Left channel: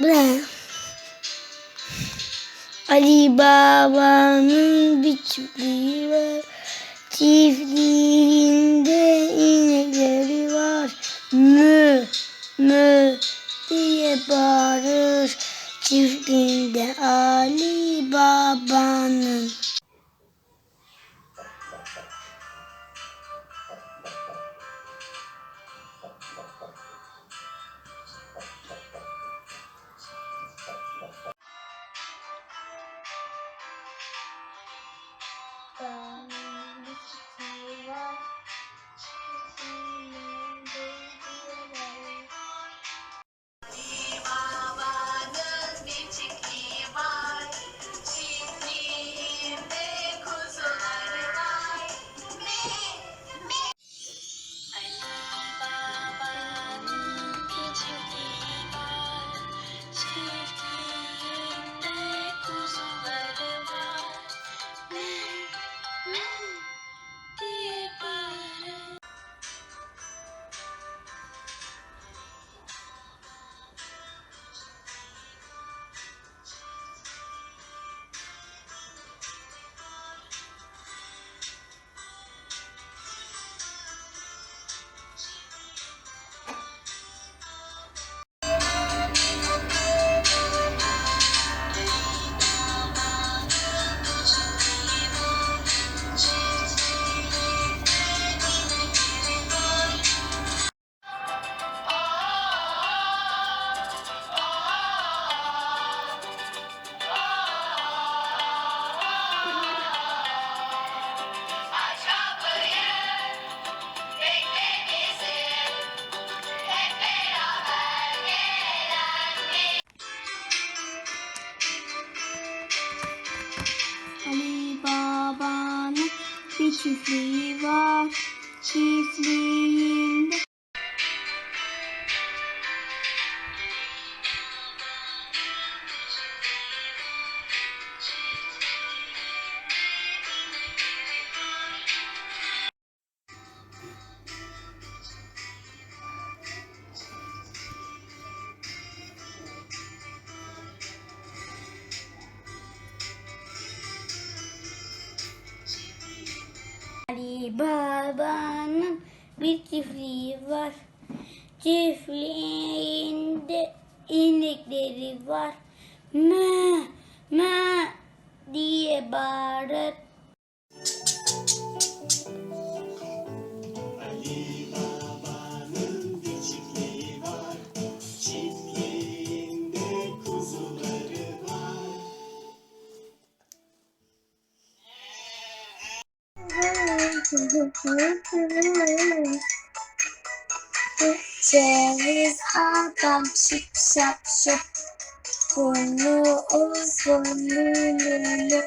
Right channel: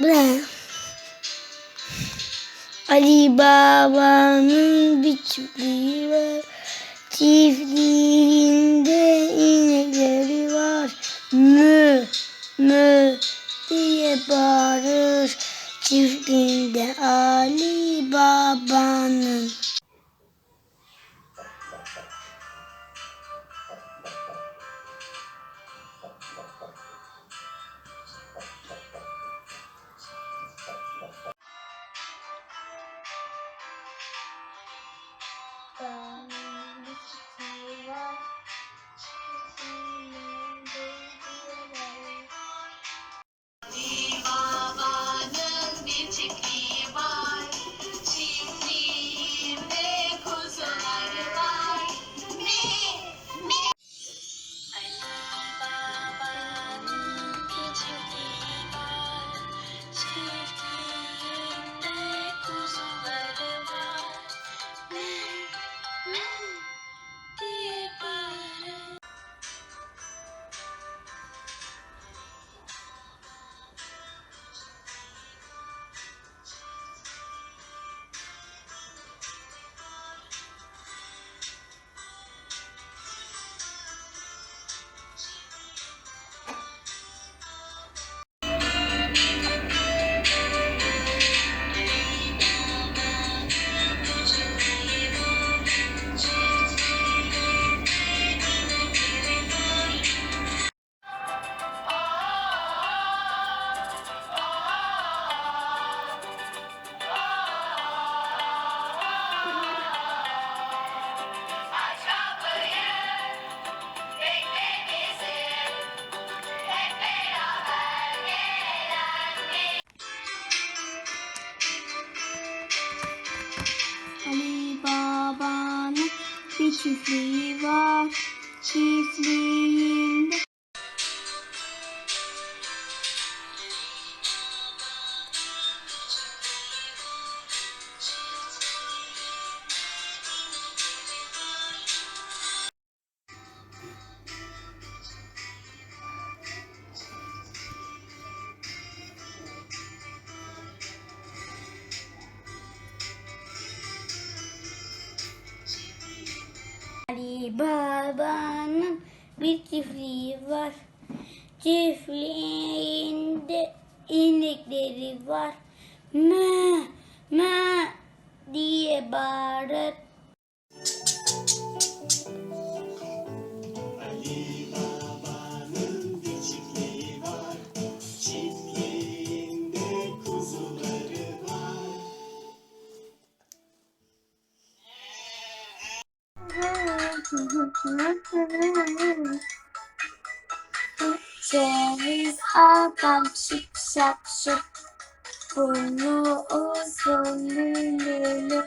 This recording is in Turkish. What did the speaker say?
Bu ne? Ali Baba'nın bir çiftliği. Çiftliğinde inekleri var. Mü, mü diye bağırır. Çiftliğinde Ali Babanın çiftliği var. Çiftliğinde Ali Baba'nın bir çiftliği var. Çiftliğinde inekleri var. Mö, mö diye bağırır. Ali Baba'nın Ceviz adam şıp şap şıp Burnu uzun lülülü